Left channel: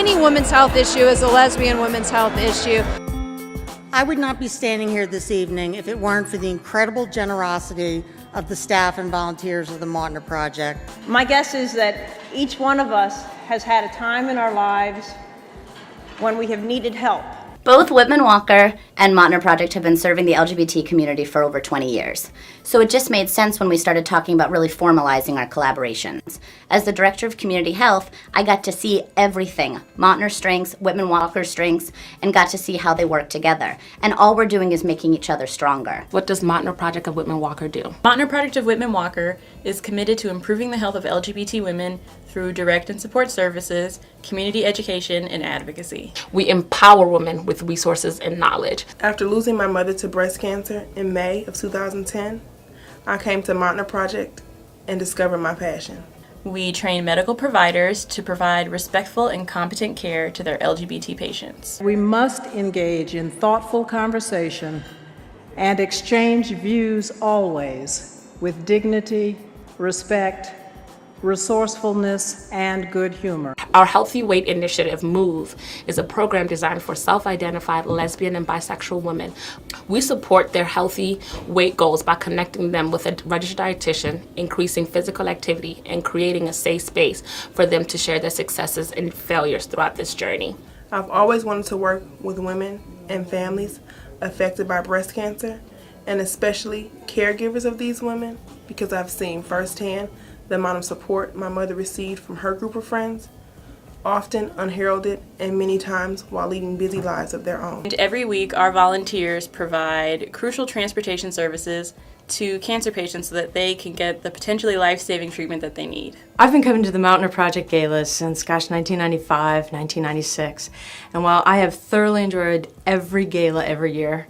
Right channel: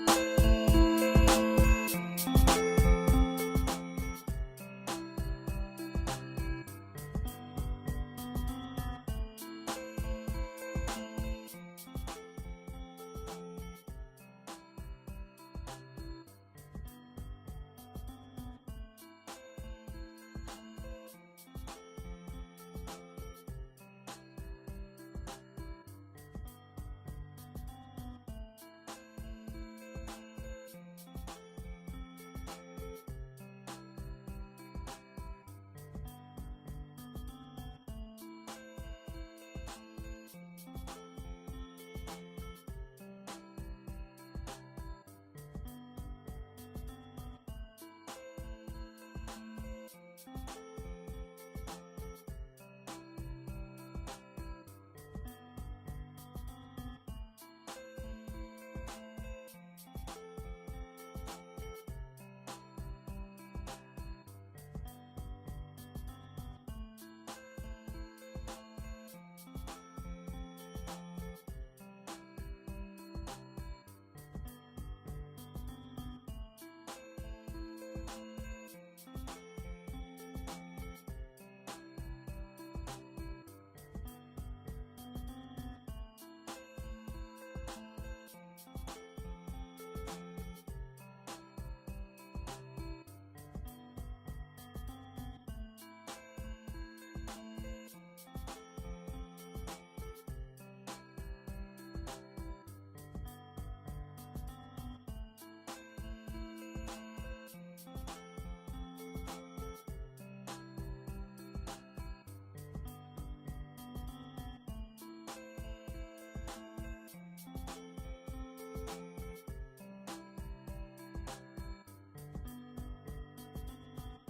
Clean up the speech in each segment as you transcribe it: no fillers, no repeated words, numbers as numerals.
any women's health issue is a lesbian women's health issue. I would not be standing here this evening if it weren't for the incredible generosity of the staff and volunteers of the Mautner Project. My guess is that each one of us has had a time in our lives when we have needed help. Both Whitman-Walker and Mautner Project have been serving the LGBT community for over 20 years. So it just made sense when we started talking about really formalizing our collaborations. As the Director of Community Health, I got to see everything, Mautner's strengths, Whitman-Walker's strengths, and got to see how they work together. And all we're doing is making each other stronger. What does Mautner Project of Whitman-Walker do? Mautner Project of Whitman-Walker is committed to improving the health of LGBT women through direct and support services, community education, and advocacy. We empower women with resources and knowledge. After losing my mother to breast cancer in May of 2010, I came to Mautner Project and discovered my passion. We train medical providers to provide respectful and competent care to their LGBT patients. We must engage in thoughtful conversation and exchange views always with dignity, respect, resourcefulness, and good humor. Our Healthy Weight Initiative, MOVE, is a program designed for self-identified lesbian and bisexual women. We support their healthy weight goals by connecting them with a registered dietitian, increasing physical activity, and creating a safe space for them to share their successes and failures throughout this journey. I've always wanted to work with women and families affected by breast cancer, and especially caregivers of these women, because I've seen firsthand the amount of support my mother received from her group of friends, often unheralded and many times while leading busy lives of their own. And every week, our volunteers provide crucial transportation services to cancer patients so that they can get the potentially life-saving treatment that they need. I've been coming to the Mautner Project galas since, 1995, 1996. And while I have thoroughly enjoyed every gala every year,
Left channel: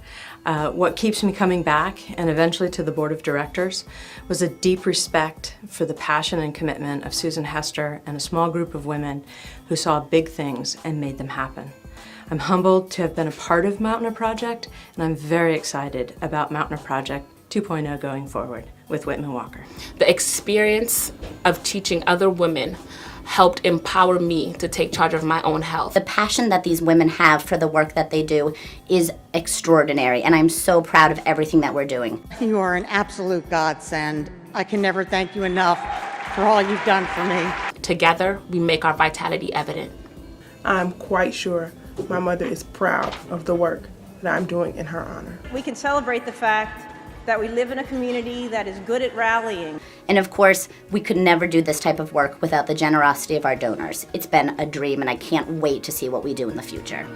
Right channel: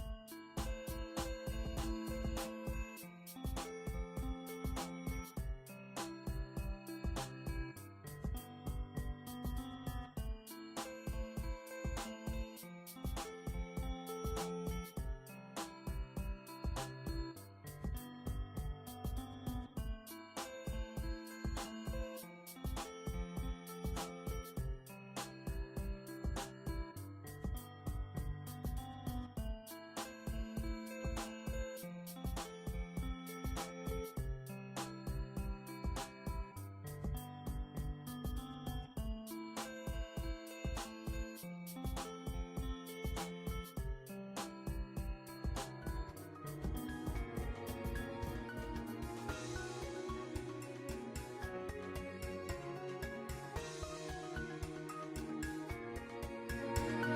what keeps me coming back and eventually to the board of directors was a deep respect for the passion and commitment of Susan Hester and a small group of women who saw big things and made them happen. I'm humbled to have been a part of Mautner Project, and I'm very excited about Mautner Project 2.0 going forward with Whitman-Walker. The experience of teaching other women helped empower me to take charge of my own health. The passion that these women have for the work that they do is extraordinary, and I'm so proud of everything that we're doing. You are an absolute godsend. I can never thank you enough for all you've done for me. Together, we make our vitality evident. I'm quite sure my mother is proud of the work that I'm doing in her honor. We can celebrate the fact that we live in a community that is good at rallying. And of course, we could never do this type of work without the generosity of our donors. It's been a dream, and I can't wait to see what we do in the future.